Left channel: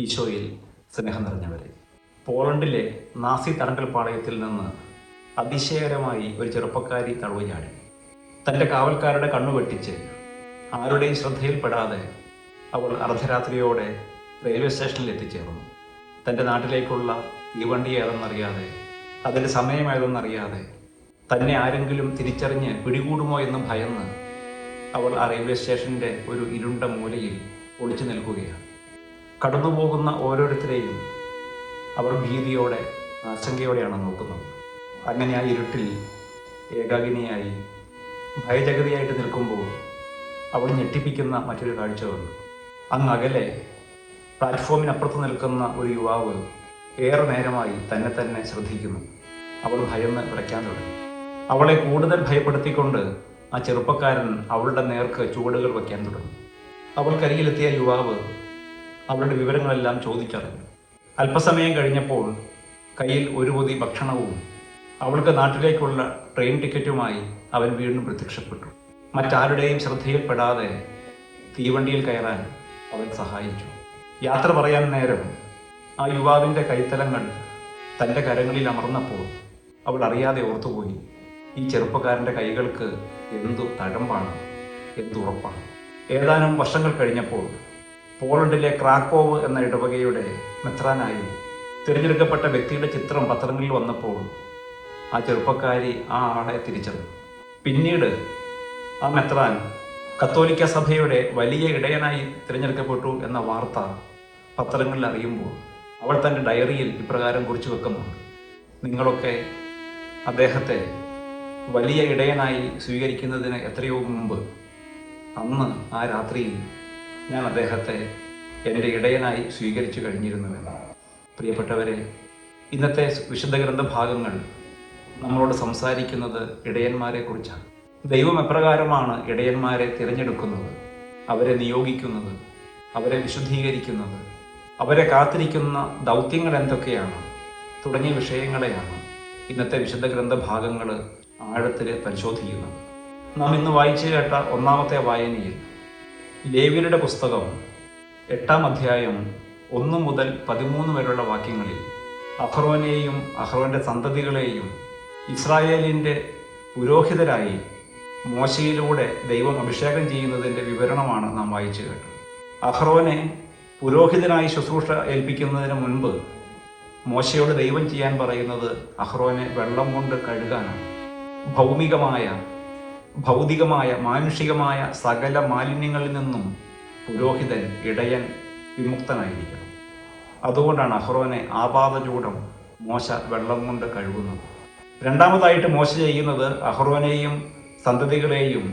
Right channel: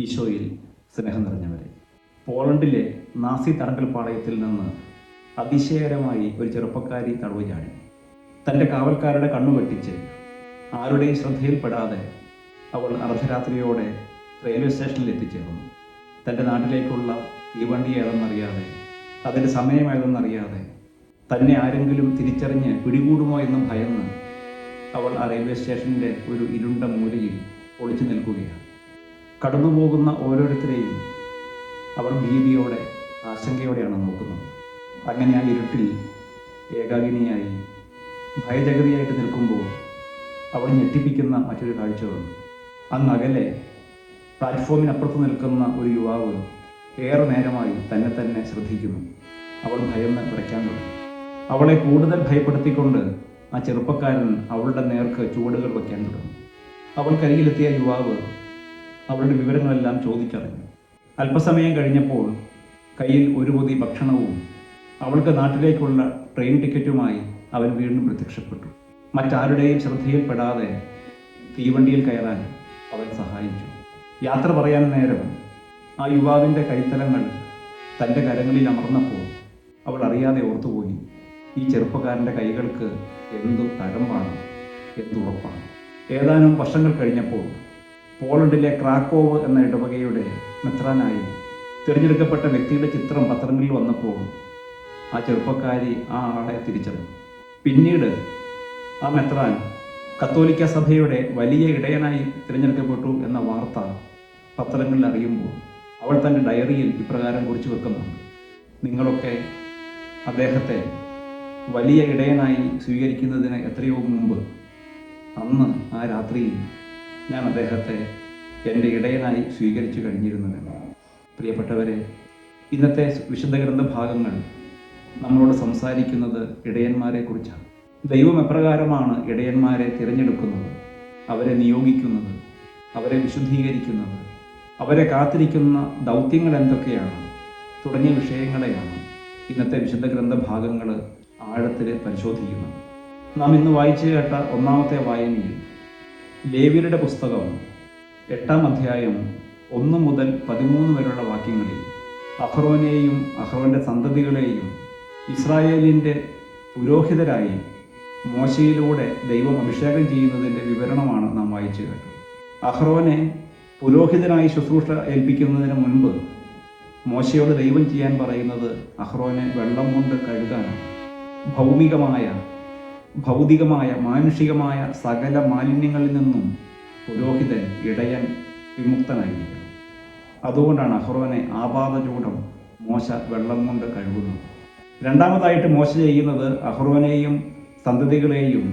ഈശോയിൽ സ്നേഹം നിറഞ്ഞവരെ, പോളണ്ടിലെ നാസി തടങ്കൽ പാളയത്തിൽ നിന്ന് അതിശയകരമായി ഒരു ചെറുപ്പക്കാരി തടവ് ചാടി. തൻ്റെ കാവൽക്കാരുടെ കണ്ണുവെട്ടിച്ച് ആരുടെയും ശ്രദ്ധയിൽപ്പെടാതെ അവൾ അർദ്ധരാത്രിയോടെ റെയിൽവേ സ്റ്റേഷനിൽ എത്തിച്ചേർന്നു. തൻ്റെ നാട്ടിലേക്കുള്ള തീവണ്ടി ഏതെന്നറിയാതെ, അതിൻ്റെ സമയമേതെന്നറിയാതെ, തന്നെ ആരെങ്കിലും തിരിച്ചറിഞ്ഞ് പിടികൂടുമോ എന്ന് ഭയന്ന് അവൾ ആ റെയിൽവേ സ്റ്റേഷൻ്റെ ഒരു ഇരുണ്ട മൂലയിൽ ഒളിച്ചു നിൽക്കുകയാണ്. കടന്നുപോകുന്ന ഓരോരുത്തരെയും അവൾ ഭീതിയോടെ, ആശങ്കയോടെയാണ് നോക്കുന്നത്. അങ്ങനെ ആ ഇരുട്ടിൽ ഏകാകിനിയായി ഭയജഗതിയായിട്ട് നിൽക്കുമ്പോൾ അവൾ ഞെട്ടിപ്പിക്കുന്ന മറ്റൊരു കാഴ്ച വന്നു. അങ്ങകലെ പ്ലാറ്റ്ഫോമിനപ്പുറത്ത് നിൽക്കുന്ന ഒരു യുവാവ് ഏറെ നേരമായി തന്നെ ശ്രദ്ധിക്കുന്നു. അവൾ ഭയന്ന് വിറയ്ക്കാൻ തുടങ്ങി. അവളെ കൂടുതൽ ഭയപ്പെടുത്തിക്കൊണ്ട് ആ ചെറുപ്പക്കാരൻ അവളുടെ നേർക്ക് ചുവടുകൾ വയ്ക്കാൻ തുടങ്ങി. അവൾക്കരികിലെത്തിയ യുവാവ് അവളുടെ വിവരങ്ങളെല്ലാം ചോദിച്ചറിഞ്ഞു. അല്പസമയം കഴിഞ്ഞപ്പോൾ കയ്യിൽ ഒരു പൊതി ഭക്ഷണവും അവൾക്ക് നാട്ടിലേക്കുള്ള ട്രെയിൻ ടിക്കറ്റുമായി അവൻ വീണ്ടും പ്രത്യക്ഷപ്പെട്ടു. മറ്റാരുടെയും ശ്രദ്ധയിൽപ്പെടാതെ തീവണ്ടിയിൽ കയറാൻ അവൻ സഹായിച്ചു. യാത്ര പറയാൻ നേരം ആ യുവാവിൻ്റെ കൈത്തലങ്ങൾ തൻ്റെ കരങ്ങളിൽ അമർന്നപ്പോൾ അവൾ അറിയാതെ ഓർത്തുപോയി, ഈ ചെറുപ്പക്കാരൻ്റെ കൈകൾക്ക് എന്തു തഴമ്പാണ്, എന്തുറപ്പാണ്. ഏതാനും വർഷങ്ങൾ കഴിഞ്ഞപ്പോൾ പോളണ്ടിലെ ക്രാക്കോവ് എന്ന ഇടവകയുടെ മെത്രാനായി തിരഞ്ഞെടുക്കപ്പെട്ട വ്യക്തിയുടെ ചിത്രം പത്രങ്ങളിൽ വന്നപ്പോൾ ആ ചെറുപ്പക്കാരി ആ ആളെ തിരിച്ചറിഞ്ഞു. പിന്നീട് ആ മെത്രാൻ കത്തോലിക്ക സഭയുടെ വലിയ ഇടയനായി തിരഞ്ഞെടുക്കപ്പെട്ടു എന്ന വാർത്ത പത്രങ്ങളിൽ അറിയുമ്പോൾ അവൾ തൻ്റെ ഡയറിയിൽ ഇപ്രകാരം കുറിച്ചു വെക്കുന്നുണ്ട്: നിങ്ങളൊക്കെ അദ്ദേഹത്തെ വലിയ ഇടയനായി സ്വീകരിക്കുന്നതിന് എത്രയോ മുമ്പ്, അന്ന് ആ രാത്രിയിൽ ഞാൻ അദ്ദേഹത്തെ എൻ്റെ ഇടയനായി സ്വീകരിച്ചു കഴിഞ്ഞിരുന്നുവെന്ന്. പ്രിയപ്പെട്ടവരെ, ഇന്നത്തെ വിശുദ്ധ ഗ്രന്ഥ ഭാഗങ്ങൾ നമ്മളോട് സംസാരിക്കുന്നത് ഇടയന്മാരെ കുറിച്ചാണ്. ദൈവം എപ്രകാരമാണ് ഇടയന്മാരെ തിരഞ്ഞെടുക്കുന്നത്, അവരെ നിയോഗിക്കുന്നത്, അവരെ വിശുദ്ധീകരിക്കുന്നത്, അവരെ കാത്തിരിക്കുന്ന ദൗത്യങ്ങൾ എന്തൊക്കെയാണ് തുടങ്ങിയ വിഷയങ്ങളെയാണ് ഇന്നത്തെ വിശുദ്ധ ഗ്രന്ഥ ഭാഗങ്ങൾ ആഴത്തിൽ പരിശോധിക്കുന്നത്. നാം ഇന്ന് വായിച്ചു കേട്ട ഒന്നാമത്തെ വായനയിൽ ലേവ്യരുടെ പുസ്തകം 8-ാം അധ്യായം 1 മുതൽ 13 വരെയുള്ള വാക്യങ്ങളിൽ അഹ്റോനെയും അഹ്റോന്റെ സന്തതികളെയും ഇസ്രായേലിൻ്റെ പുരോഹിതരായി മോശയിലൂടെ ദൈവം അഭിഷേകം ചെയ്യുന്നതിൻ്റെ വിവരണമാണ് നാം വായിച്ചു കേട്ടത്. അഹ്റോനെ പുരോഹിതനായി ശുശ്രൂഷ ഏൽപ്പിക്കുന്നതിന് മുൻപ് മോശയോട് ദൈവം ചെയ്യാൻ പറയുന്നത് അഹ്റോനെ വെള്ളം കൊണ്ട് കഴുകാനാണ്. ഭൗതികമായ മാനുഷികമായ സകല മാലിന്യങ്ങളിൽ നിന്നും പുരോഹിതൻ, ഇടയൻ വിമുക്തനായിരിക്കണം. അതുകൊണ്ടാണ് അഹ്റോനെ ആപാദചൂടം മോശ വെള്ളം കൊണ്ട് കഴുകുന്നത്. രണ്ടാമതായിട്ട് മോശ ചെയ്യുന്നത് അഹ്റോനെയും സന്തതികളെയും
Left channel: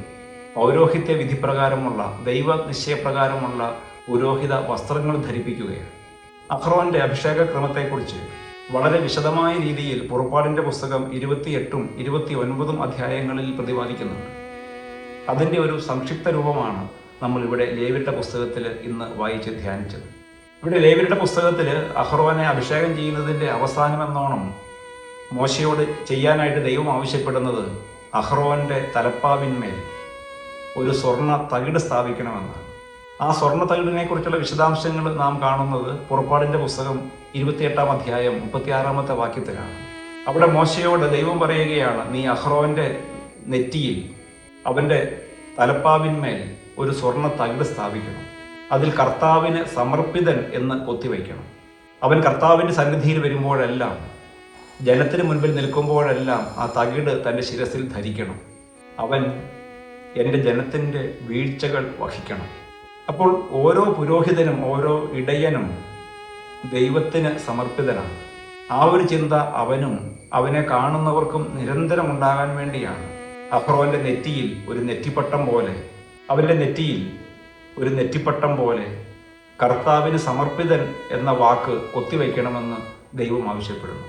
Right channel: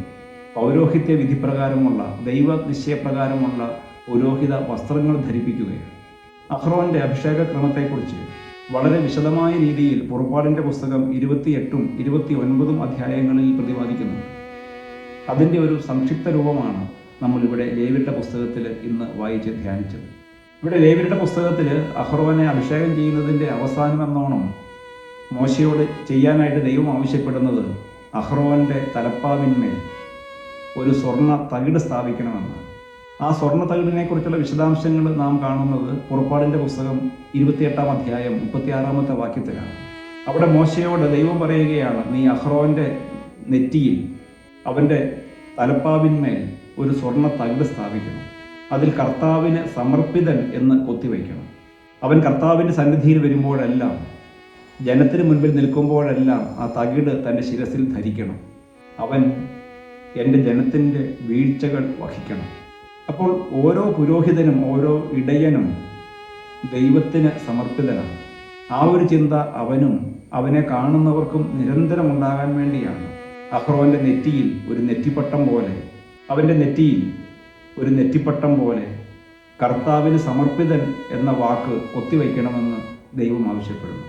പൗരോഹിത്യ വിധിപ്രകാരമുള്ള, ദൈവ നിശ്ചയപ്രകാരമുള്ള പുരോഹിത വസ്ത്രങ്ങൾ ധരിപ്പിക്കുകയാണ്. അഹ്റോന്റെ അഭിഷേക ക്രമത്തെക്കുറിച്ച് വളരെ വിശദമായ രീതിയിൽ പുറപ്പാടിൻ്റെ പുസ്തകം 28-ഉം 29-ഉം അധ്യായങ്ങളിൽ പ്രതിപാദിക്കുന്നുണ്ട്. അതിൻ്റെ ഒരു സംക്ഷിപ്ത രൂപമാണ് നമ്മളിവിടെ ലേവ്യരുടെ പുസ്തകത്തിൽ ഇന്ന് വായിച്ച് ധ്യാനിച്ചത്. ഇവിടെ ലേവ്യരുടെ പുസ്തകത്തിൽ അഹ്റോനെ അഭിഷേകം ചെയ്യുന്നതിൻ്റെ അവസാനമെന്നോണം മോശയോട് ചെയ്യാനായിട്ട് ദൈവം ആവശ്യപ്പെടുന്നത് അഹ്റോന്റെ തലപ്പാവിന്മേൽ ഒരു സ്വർണ്ണ തകിട് സ്ഥാപിക്കണമെന്നാണ്. ആ സ്വർണ്ണ തകിടിനെ കുറിച്ചുള്ള വിശദാംശങ്ങൾ നാം കാണുന്നത് പുറപ്പാടിൻ്റെ പുസ്തകം 28-ാം അധ്യായം 36-ാമത്തെ വാക്യത്തിലാണ്. അവിടെ മോശയോട് ദൈവം പറയുകയാണ്, നീ അഹ്റോന്റെ നെറ്റിയിൽ, അവൻ്റെ തലപ്പാവിന്മേൽ ഒരു സ്വർണ്ണ തകിട് സ്ഥാപിക്കണം. അതിൽ കർത്താവിന് സമർപ്പിതൻ എന്ന് കൊത്തിവയ്ക്കണം. അവൻ കർത്താവിൻ്റെ സന്നിധിയിൽ വരുമ്പോഴെല്ലാം, ജനത്തിന് മുൻപിൽ നിൽക്കുമ്പോഴെല്ലാം ആ തകിട് തൻ്റെ ശിരസിൽ ധരിക്കണം. അവൻ എൻ്റെ ജനത്തിൻ്റെ വീഴ്ചകൾ വഹിക്കണം. അപ്പോൾ ഓരോ പുരോഹിതനും ഓരോ ഇടയനും ദൈവത്തിന് സമർപ്പിതനാണ്. ആ ഒരു ചിന്ത അവനും അവനെ കാണുന്നവർക്കും നിരന്തരം ഉണ്ടാകാൻ വേണ്ടിയാണ് അഹ്റോന്റെ നെറ്റിയിൽ ഒരു നെറ്റിപ്പട്ടം പോലെ, അവൻ്റെ നെറ്റിയിൽ ഒരു നെറ്റിപ്പട്ടം പോലെ കർത്താവിന് സമർപ്പിതൻ എന്ന വാക്ക് കൊത്തിവയ്ക്കണമെന്ന് ദൈവം ആവശ്യപ്പെടുന്നു.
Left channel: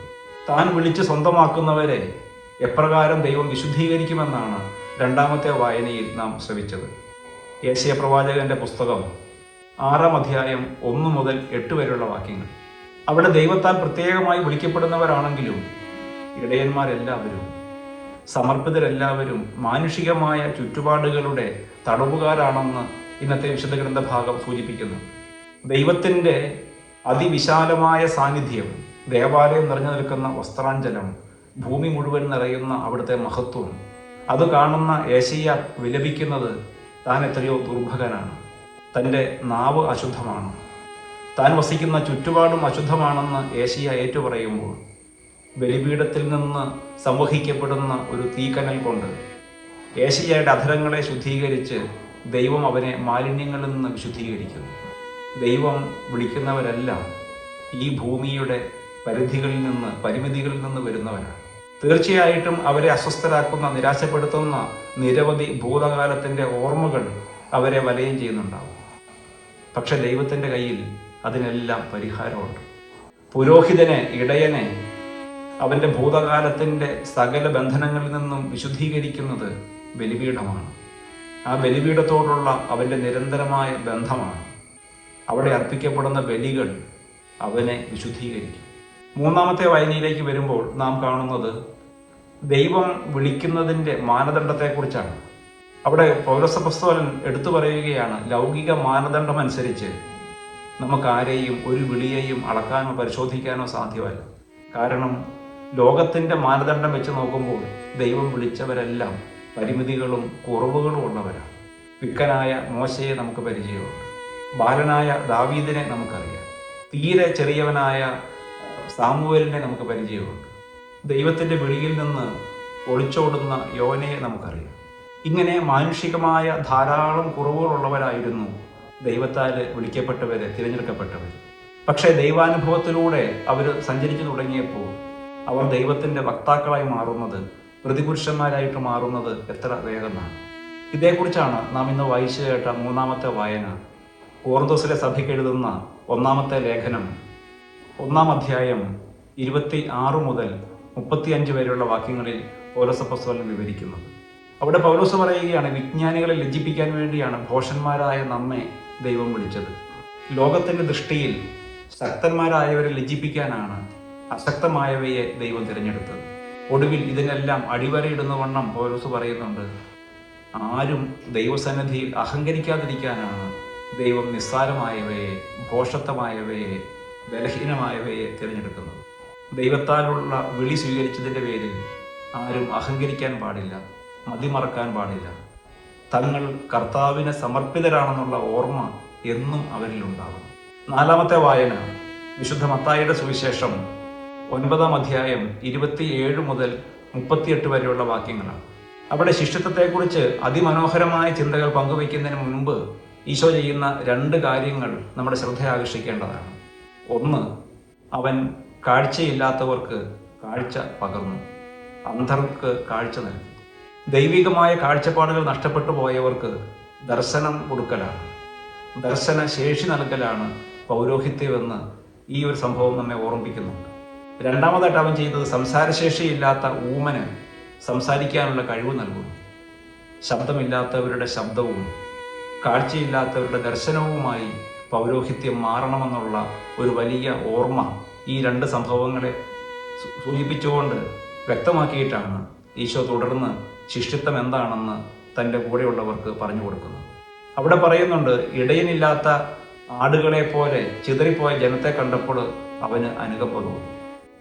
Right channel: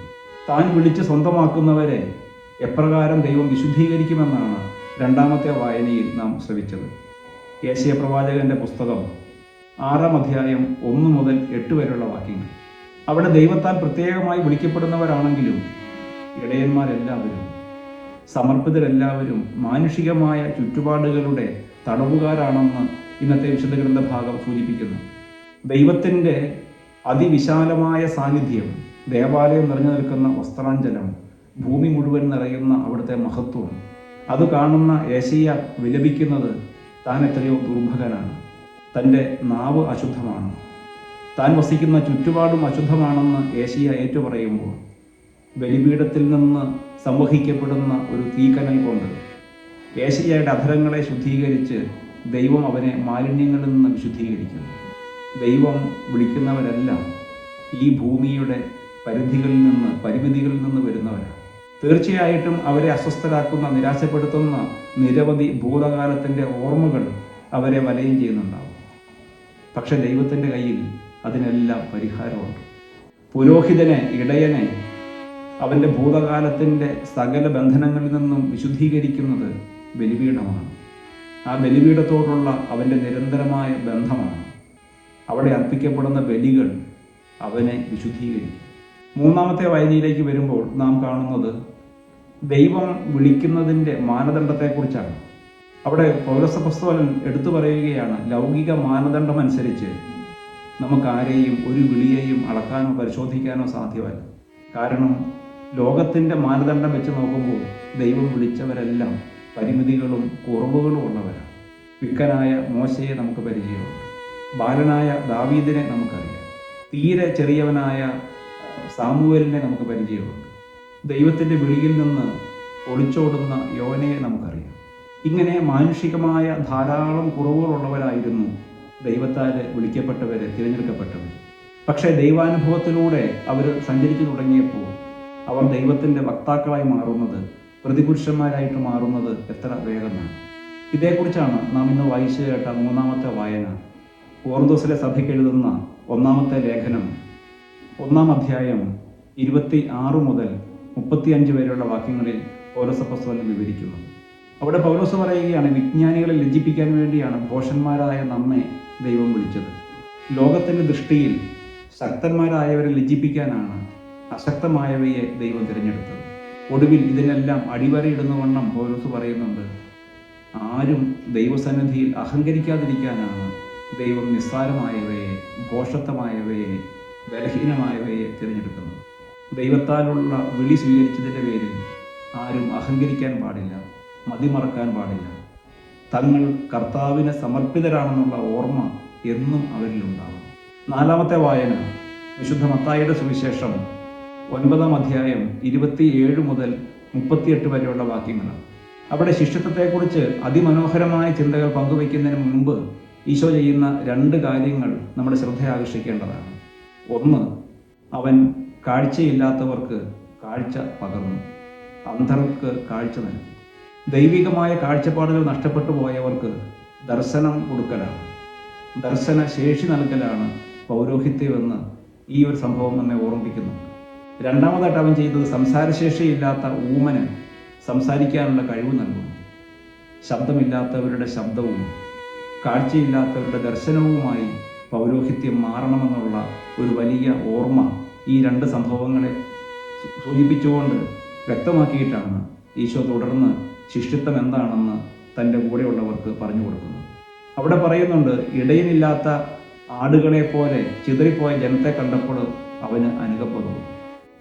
താൻ വിളിച്ച് സ്വന്തമാക്കുന്നവരെ എപ്രകാരം ദൈവം വിശുദ്ധീകരിക്കുമെന്നാണ് രണ്ടാമത്തെ വായനയിൽ നാം ശ്രവിച്ചത്. യെശയ്യാ പ്രവാചകന്റെ പുസ്തകം 6-ാം അധ്യായം 1 മുതൽ 8 വരെയുള്ള വാക്യങ്ങൾ. അവിടെ ദൈവത്താൽ പ്രത്യേകമായി വിളിക്കപ്പെടുന്നവരാണെങ്കിലും ഇടയന്മാരെല്ലാവരും, സമർപ്പിതരെല്ലാവരും മാനുഷികമായ ചുറ്റുപാടുകളുടെ തടവുകാരാണെന്ന് ഇന്നത്തെ വിശുദ്ധ ഗ്രന്ഥഭാഗം സൂചിപ്പിക്കുന്നു. ദൈവത്തിൻ്റെ അതിവിശാലമായ സാന്നിധ്യം, ദേവാലയം നിറഞ്ഞു നിൽക്കുന്ന വസ്ത്രാഞ്ചലം, ഭൂമി മുഴുവൻ നിറയുന്ന അവിടുത്തെ മഹത്വം, അത് കാണുന്ന യേശയ്യ വിലപിക്കുന്നത് താൻ എത്രയോ ദുർഭകനാണ്, തൻ്റെ നാവ് അശുദ്ധമാണ്, താൻ വസിക്കുന്ന ചുറ്റുപാടും അശുദ്ധമാണെന്ന് യേശയ്യ ഏറ്റുപറയുമ്പോൾ ബലിപീഠത്തിൽ നിന്ന് സംവഹിക്കപ്പെടുന്ന ഒരു തീക്കനൽ കൊണ്ട് യേശയ്യയുടെ അധരങ്ങളെ ശുദ്ധീകരിച്ച് ദൈവം അവനെ മാലിന്യങ്ങളിൽ നിന്ന് വിശുദ്ധീകരിക്കുന്നു. ദൈവം വിളിക്കുന്നവരെല്ലാം ഈ ഭൂമിയുടെ പരിമിതികളിൽ നിന്ന് വരുന്നവരാണ്. തീർച്ചയായിട്ടും അവരെ അസ്വസ്ഥരാക്കുന്ന, നിരാശപ്പെടുത്തുന്ന നിരവധി ഭൂതകാലത്തിൻ്റെ ഓർമ്മകൾ അവരെ വലയം ചെയ്യുന്നുണ്ടാവും. പക്ഷെ ദൈവത്തിൻ്റെ കയ്യിൽ അതിനെല്ലാം പരിഹാരമുണ്ട്. പുരോഹിതനെ, ഇടയനെ അവൻ്റെ ഭൂതകാലത്തിൻ്റെ സകല ബന്ധനങ്ങളിൽ നിന്നും വിശുദ്ധീകരിക്കുന്നത് ബലിപീഠമാണ്. ആ ബലിപീഠത്തോടുള്ള അവൻ്റെ നിരന്തരമായ ബന്ധമാണ്. അവിടെ അർപ്പിക്കപ്പെടുന്ന ബലികൾ അവനെ വിശുദ്ധീകരിക്കും. മൂന്നാമത്തെ വായനയിലേക്ക് വരുമ്പോൾ നാം കാണുന്നത് ദൈവം വിളിക്കുന്നതിൻ്റെ മാനദണ്ഡത്തെക്കുറിച്ചാണ്. അവിടെ പൗലോസപ്പോസ്തലൻ എടുത്തു പറയുകയാണ്, ലൗകിക മാനദണ്ഡം അനുസരിച്ച് നമുക്കാരെയും ഒരു വിളിയെയും അളക്കാനോ പരിശോധിക്കാനോ സാധ്യമല്ല. കാരണം ലോകത്തിൻ്റെ മാനദണ്ഡം വെച്ച് നോക്കുമ്പോൾ ദൈവം വിളിച്ചവരെല്ലാം പരിമിതികളും കുറവുകളും ഉള്ളവരാണ്. വിക്കനായ മോശയെ നമുക്ക് പരിചയമുണ്ട്, ബാലനായ ദാവീദിനെ നമുക്കറിയാം, തീരെ ചെറിയവനായ സാമുവേലിനെ നമുക്ക് പരിചയമുണ്ട്, ദൈവത്തിൻ്റെ വിളിയിൽ നിന്ന് ഒളിച്ചോടുന്ന യോനയെ നമുക്കറിയാം. ഇങ്ങനെ മാനുഷികമായ ധാരാളം കുറവുകളുള്ളവരായിരുന്നു ദൈവത്താൽ വിളിക്കപ്പെട്ടവർ, തിരഞ്ഞെടുക്കപ്പെട്ടവർ. പക്ഷേ ദൈവാനുഭവത്തിലൂടെ അവർ സഞ്ചരിച്ചു തുടങ്ങിയപ്പോൾ അവർ ദൈവത്തിൻ്റെ വക്താക്കളായി മാറുന്നത്, പ്രതിപുരുഷന്മാരായിട്ട് മാറുന്നത് എത്ര വേഗമാണ്. ഇതേക്കുറിച്ചാണ് നാം ഇന്ന് വായിച്ചു കേട്ട മൂന്നാമത്തെ വായന. കോറിന്തോസിലെ സഭയ്ക്ക് എഴുതുന്ന ഒന്നാമത്തെ ലേഖനം 1-ാം അധ്യായം 26 മുതൽ 35 വരെയുള്ള വാക്യങ്ങളിൽ പൗലോസപ്പോസ്തലൻ വിവരിക്കുന്നത്. അവിടെ പൗലോസ് പറയുകയാണ്, വിജ്ഞാനികളെ ലജ്ജിപ്പിക്കാൻ വേണ്ടിയാണ് ഭോഷന്മാരായ നമ്മെ ദൈവം വിളിച്ചത്. ലോകത്തിൻ്റെ ദൃഷ്ടിയിൽ ശക്തന്മാരായവരെ ലജ്ജിപ്പിക്കാനാണ് അശക്തമായവയെ ദൈവം തിരഞ്ഞെടുത്തത്. ഒടുവിൽ ഇതിനെല്ലാം അടിവരയിടുന്ന വണ്ണം പൗലോസ് പറയുന്നുണ്ട്, ആരും ദൈവസന്നിധിയിൽ അഹങ്കരിക്കാതിരിക്കാനാണ് ദൈവം നിസ്സാരമായവയെ, ഭോഷത്വമായവയെ, ബലഹീനമായവയെ തിരഞ്ഞെടുക്കുന്നത്. ദൈവത്താലുള്ള വിളി സ്വീകരിച്ചതിൻ്റെ പേരിൽ ആരും അഹങ്കരിക്കാൻ പാടില്ല, മതിമറക്കാൻ പാടില്ല. തങ്ങൾ കർത്താവിന് സമർപ്പിതരാണെന്നുള്ള ഓർമ്മ എന്നും അവരിലുണ്ടാകും. 4-ാമത്തെ വായന വിശുദ്ധ മത്തായിയുടെ സുവിശേഷം 9-ാം അധ്യായം 27 മുതൽ 38 വരെയുള്ള വാക്യങ്ങളാണ്. അവിടെ ശിഷ്യത്വത്തെക്കുറിച്ച് അതിമനോഹരമായ ചിന്തകൾ പങ്കുവയ്ക്കുന്നതിന് മുൻപ് ഈശോ ചെയ്യുന്ന 2 കാര്യങ്ങൾ നമ്മുടെ ശ്രദ്ധ ആകർഷിക്കേണ്ടതാണ്. ഒന്ന്, അവൻ കാഴ്ചയില്ലാത്തവർക്ക് കാഴ്ച പകർന്നു, അന്ധർക്ക് കാഴ്ച നൽകി. ദൈവികമായ കാഴ്ചപ്പാടുകൾ നഷ്ടപ്പെട്ടു പോയവർക്ക് ദർശനം കൊടുക്കലാണ്, ദർശന ശേഷി നൽകലാണ് പൗരോഹിത്യമെന്ന് ഈ ഒരു സംഭവം നമ്മെ ഓർമ്മിപ്പിക്കുന്നുണ്ട്. രണ്ടാമതായിട്ട് അവൻ ചെയ്തത് സംസാരശേഷിയില്ലാത്ത ഊമന് സംസാരിക്കാനുള്ള കഴിവ് നൽകുന്നു. ശബ്ദമില്ലാത്തവരുടെ ശബ്ദവും കാഴ്ചയില്ലാത്തവരുടെ ദർശനവുമായി പൗരോഹിത്യം മാറണമെന്നുള്ള ഒരു വലിയ ഓർമ്മ ഈ 2 സംഭവങ്ങളെ സൂചിപ്പിച്ചുകൊണ്ട് വ്യക്തമാക്കിയിട്ടാണ് ഈശോ തുടർന്ന് ശിഷ്യത്വം എന്താണെന്ന് തൻ്റെ കൂടെയുള്ളവർക്ക് പറഞ്ഞു കൊടുക്കുന്നു. അവിടെ പറയുന്നുണ്ട്, ഇടയനില്ലാത്ത ആടുകളെ പോലെ ചിതറിപ്പോയ ജനത്തെ കണ്ടപ്പോൾ അവന് അനുകമ്പ തോന്നി.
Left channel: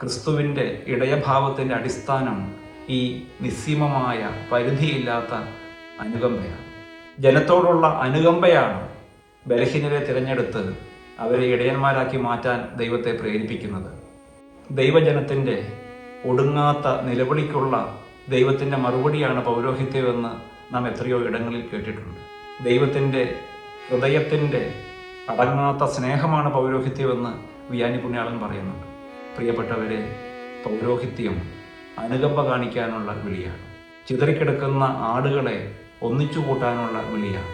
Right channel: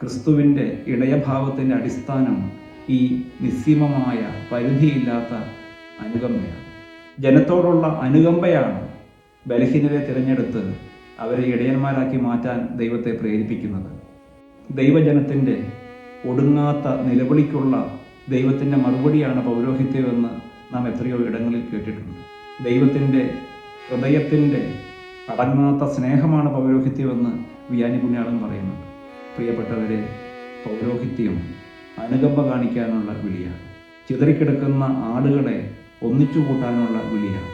ക്രിസ്തുവിൻ്റെ ഇടയഭാവത്തിൻ്റെ അടിസ്ഥാനം ഈ നിസ്സീമമായ പരിധിയില്ലാത്ത അനുകമ്പയാണ്. ജനത്തോടുള്ള അനുകമ്പയാണ് ബലഹീനരെ തിരഞ്ഞെടുത്ത് അവരെ ഇടയന്മാരാക്കി മാറ്റാൻ ദൈവത്തെ പ്രേരിപ്പിക്കുന്നത്. ദൈവജനത്തിൻ്റെ ഒടുങ്ങാത്ത നിലവിളിക്കുള്ള ദൈവത്തിൻ്റെ മറുപടിയാണ് പൗരോഹിത്യമെന്ന് നാം എത്രയോ ഇടങ്ങളിൽ കേട്ടിട്ടുണ്ട്. ദൈവത്തിൻ്റെ ഹൃദയത്തിൻ്റെ അടങ്ങാത്ത സ്നേഹമാണ് പൗരോഹിത്യമെന്ന് വിയാനി പുണ്യാളൻ പറയുന്നുണ്ട്. പ്രിയപ്പെട്ടവരെ, പൗരോഹിത്യം അനുകമ്പ കാണിക്കാനുള്ള വിളിയാണ്. ചിതറിക്കിടക്കുന്ന ആടുകളെ ഒന്നിച്ചു കൂട്ടാനുള്ള വിളിയാണ്.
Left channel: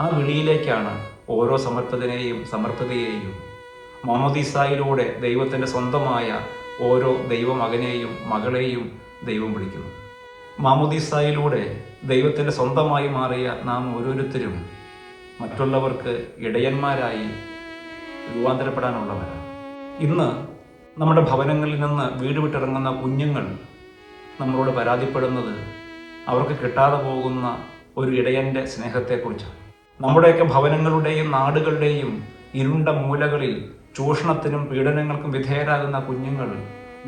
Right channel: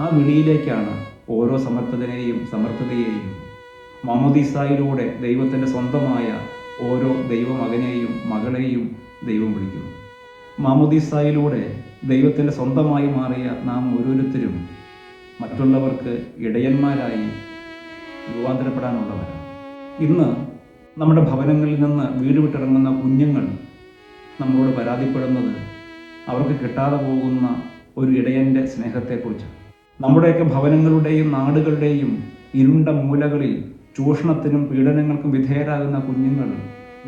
ആ വിളിയിലേക്കാണ് ഓരോ സമർപ്പിതയെയും മാമോദീസായിലൂടെ ദൈവത്തിൻ്റെ സ്വന്തമായ ഓരോ ദൈവമകനെയും മകളെയും ദൈവം വിളിക്കുന്നു. മാമോദീസായിലൂടെ ദൈവത്തിൻ്റെ സ്വന്തമായി മാറിയ നാം ഓരോരുത്തരും മറ്റുള്ളവർക്ക് ഇടയന്മാരായി രൂപാന്തരപ്പെടാനുള്ളവരാണ്. ഇന്ന് നമ്മുടെ ഭവനങ്ങളിൽ നിന്ന് വീട് വിട്ടിറങ്ങുന്ന കുഞ്ഞുങ്ങൾ നമ്മളോട് പരാതിപ്പെടുന്നത് അവർക്ക് കിട്ടാതെ പോകുന്ന ഒരു ഇടയൻ്റെ സ്നേഹത്തെക്കുറിച്ചാണ്. നമ്മുടെയൊക്കെ ഭവനങ്ങളുടെയും നാടുകളുടെയും ഇരുണ്ട മൂലകളിൽ ചൂഷണത്തിനും പീഡനങ്ങൾക്കും വിധേയരാകുന്ന കുഞ്ഞുങ്ങൾ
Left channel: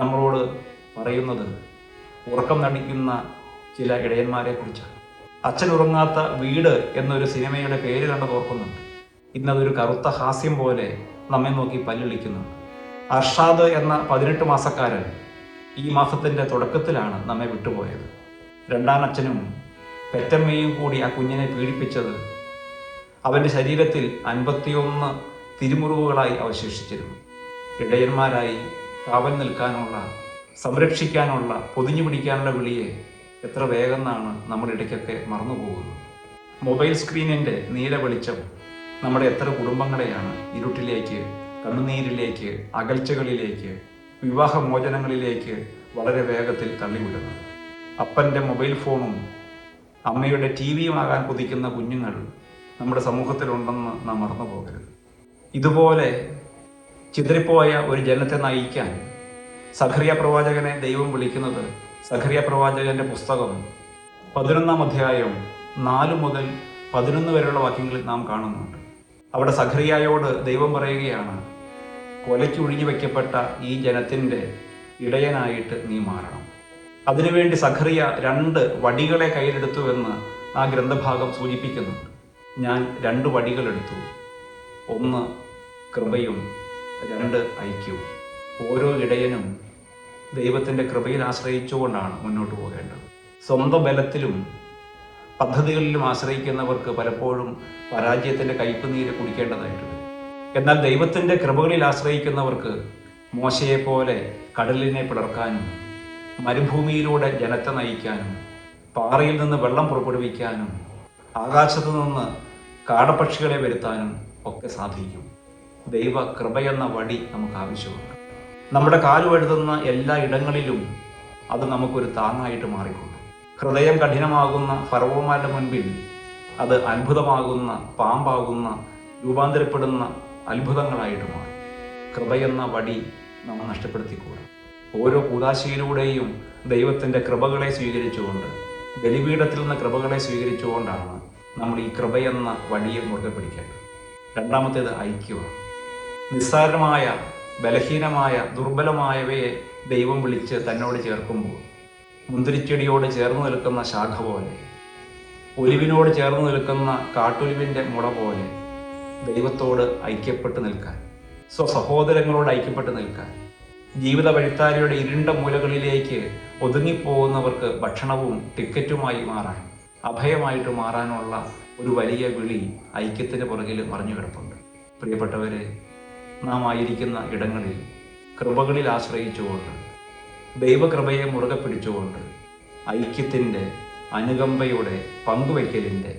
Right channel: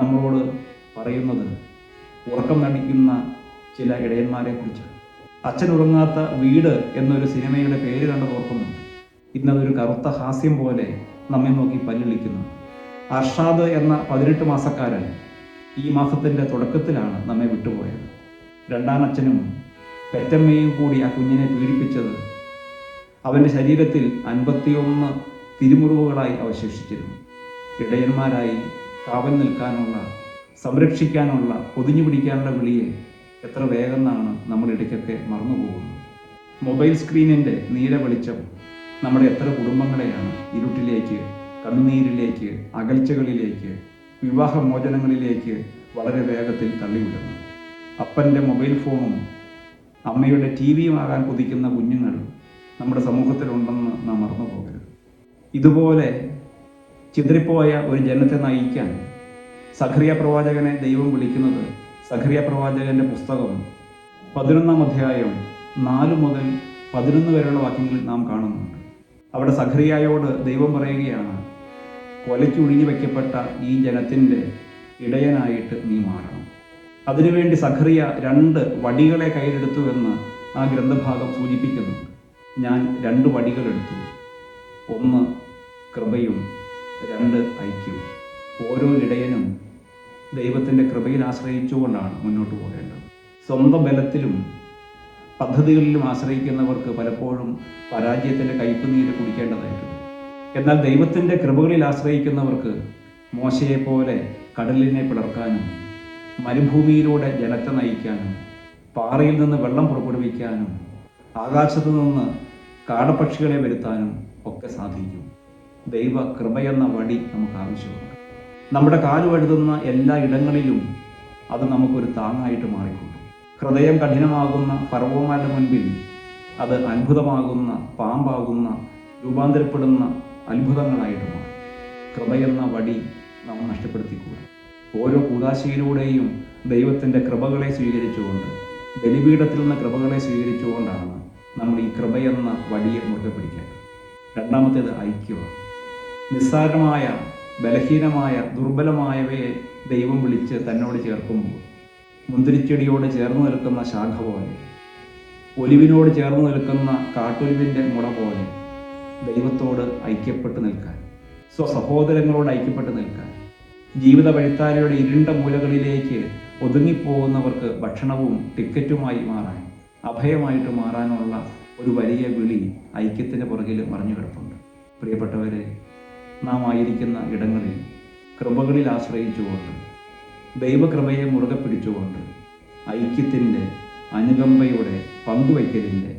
നമ്മളോട് പറയുന്നത് ഉറക്കം നടിക്കുന്ന ചില ഇടയന്മാരെ കുറിച്ചാണ്. അച്ഛൻ ഉറങ്ങാത്ത വീട് എന്നൊരു സിനിമയുടെ പേര് കണ്ടത് ഓർക്കുന്നുണ്ട്. ഇന്നതൊരു കറുത്ത ഹാസ്യം പോലെ നമ്മെ നോക്കി പല്ലിളിക്കുന്നുണ്ട്. അർഷാദ് എന്ന 18 മാസക്കാരൻ ഈ മാസത്തിൻ്റെ തുടക്കത്തിലാണ് നമ്മെ വിട്ടുപോയത്. രണ്ടാനച്ഛനും പെറ്റമ്മയും കൂടി ആ കുഞ്ഞിനെ പീഡിപ്പിച്ചത് അവൻ്റെ ശരീരത്തിൽ 51 തിരുമുറിവുകളായി അവശേഷിച്ചിരുന്നു. ഇടയന്മാരായി കാവൽ നിൽക്കാനുള്ള, സംരക്ഷിക്കാനുള്ള, പൊതിഞ്ഞു പിടിക്കാനുള്ള വിളിയെ എത്ര വേഗം നമ്മുടെ ഇടയ്ക്കൊക്കെ മറന്നുപോകുന്നത്. മൊബൈൽ സ്ക്രീനിൻ്റെ നീല വെളിച്ചം നമ്മുടെ എത്ര കുടുംബങ്ങളെയാണ് ഇരുട്ടിലേക്ക്, കണ്ണുനീരിലേക്ക്, അകൽച്ചകളിലേക്ക്, വിവാഹമോചനങ്ങളിലേക്ക് വളരെ വേഗത്തിൽ തള്ളിവിടുന്നത്. അപ്പൻ്റെ മൊബൈൽ ഫോണും അമ്മയുടെ ടിവിയുമാകാൻ കൊതിക്കുന്ന കുഞ്ഞുങ്ങൾ നമ്മുടെ സമൂഹത്തിലുണ്ടെന്ന് നാം മറന്നു പോകരുത്. ഇതുപോലെ ചിതറിപ്പോയ ഒരു ജനത്തെ നയിക്കാൻ സഖറിയ പ്രവാചകനെ ദൈവം വിളിക്കുന്നത് സഖറിയ പ്രവാചകന്റെ പുസ്തകം 11-ാം അധ്യായം 4 മുതൽ 11 വരെയുള്ള വാക്യങ്ങളിൽ നാം കാണുന്നുണ്ട്. അവിടെ സഖറിയായോട് ദൈവം പറയുകയാണ്, കൊലയ്ക്ക് ഒഴിഞ്ഞു വയ്ക്കപ്പെട്ട ഈ ജനത്തിൻ്റെ ഇടയനായിട്ട് നീ മാറണം. അതിനുവേണ്ടി സഖറിയ 2 വടികളെ കയ്യിലെടുത്തു എന്ന് ആ ഗ്രന്ഥഭാഗം സൂചിപ്പിക്കുന്നുണ്ട്. ഞാൻ 2 വടികളെടുത്തു, 1 കൃപയും 2 ഐക്യവും. ഓരോ ഇടയനും ദൈവത്തിൻ്റെ കൃപയിൽ ആശ്രയിച്ചുകൊണ്ടാണ് മുന്നോട്ട് പോകേണ്ടത്. സ്വന്തം ബലത്തിലും പദ്ധതികളിലും ആശ്രയിക്കുന്നവർക്ക് പലപ്പോഴും പരാജയത്തിൻ്റെ കയ്പുനീര് കുടിക്കേണ്ടതായിട്ടുണ്ട്. എന്നാൽ ദൈവത്തിൻ്റെ കൃപകളിൽ ആശ്രയിക്കുന്നവർക്ക് മോശയെപ്പോലെ കടലിനെ പിളർക്കാനും, മരുഭൂമിയിലൂടെ ജനത്തെ നയിക്കാനും, പാറയിൽ നിന്ന് വെള്ളം പുറപ്പെടുവിക്കാനും, ആകാശത്തു നിന്ന് കാടപ്പക്ഷികളെ വരുത്താനും ഒക്കെ സാധിക്കും. ദൈവ കൃപയെന്ന വടി നമുക്ക് ആവശ്യമുണ്ട്. നമ്മുടെ കാലുവഴുതുന്ന എല്ലാ ഇടങ്ങളിലും അത് നമുക്കൊരു താങ്ങായിട്ട് മാറിക്കൊള്ളും. ഹൃദയം കഠിനമാകുന്ന ഫറവോന്മാരുടെ മുൻപിൽ അത് അത്ഭുതമാകുന്ന, പാമ്പാകുന്ന, രൂപാന്തരപ്പെടുന്ന അത്ഭുതങ്ങളായിട്ട് മാറും. കൃപയെന്ന വടി നമ്മൾ നഷ്ടപ്പെടുത്തിക്കൂടാ. ഓരോ കൂദാശയിലൂടെയും ദൈവത്തിൻ്റെ കൃപകളെ സ്വീകരിച്ചുകൊണ്ട്, ബലിപീഠത്തിൽ നിന്ന് കൃപകളെ സ്വീകരിച്ചുകൊണ്ടാണ് നമ്മൾ ഈ കൃപയെന്ന വടിയെ മുറുകെ പിടിക്കേണ്ടത്. രണ്ടാമത്തേത് ഐക്യമാണ്. നിസ്സാരമായ, ബലഹീനമായ, ദുർബലമായവയെ ദൈവം വിളിച്ച് തന്നോട് ചേർക്കുമ്പോൾ മുന്തിരിച്ചെടിയോട് ചേർന്ന് നിൽക്കുന്ന ശാഖ പോലെ, ഒലിവിനോട് ചേർന്ന് നിൽക്കുന്ന കാട്ടൊലിവിൻ്റെ മുള പോലെ ദൈവത്തോട് ഐക്യപ്പെട്ട് നിൽക്കാൻ, സ്വസഹോദരങ്ങളോട് ഐക്യപ്പെട്ട് നിൽക്കാൻ, ജീവിത വഴിത്താരയുടെ ഇരുണ്ട മൂലകളിലേക്ക് ഒതുങ്ങിപ്പോകുന്നവർക്ക് ഭക്ഷണവും ടിക്കറ്റുമായി മാറാൻ, അഭയമായിട്ട് മാറാനുള്ള ഒരു വലിയ വിളി ഐക്യത്തിന് പുറകിൽ മറിഞ്ഞു കിടപ്പുണ്ട്. പ്രിയപ്പെട്ടവരെ, നാം ആയിരിക്കുന്ന ഇടങ്ങളിൽ കൃപകളിൽ ആശ്രയിച്ചുകൊണ്ട്, ദൈവകൃപയെ മുറുകെ പിടിച്ചുകൊണ്ട്, ഐക്യത്തിൻ്റെ, അനുകമ്പയുടെ, പങ്കുവയ്ക്കലിൻ്റെ,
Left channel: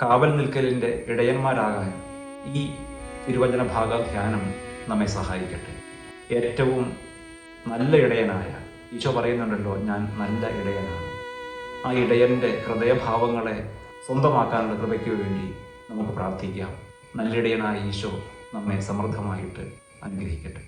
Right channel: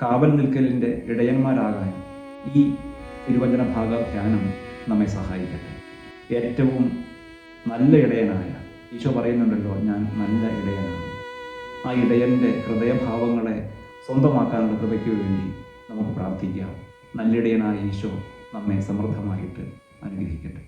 കാവൽ നിൽക്കലിൻ്റെ ഇടയന്മാരാകാൻ ഈ തിരുവചന ഭാഗ ധ്യാനം നമ്മെ സഹായിക്കട്ടെ. ഏറ്റവും നല്ല ഇടയനായ ഈശോ പറയുന്നുണ്ടല്ലോ, ഞാൻ നല്ല ഇടയനാണ്. ആ ഇടയൻ്റെ ഹൃദയഭാവങ്ങളെ സ്വന്തമാക്കാനുള്ള കൃപയ്ക്ക് വേണ്ടി നമുക്ക് പ്രാർത്ഥിക്കാം. നല്ലിടയനായ ഈശോ നമ്മെ സമൃദ്ധമായിട്ട് അനുഗ്രഹിക്കട്ടെ.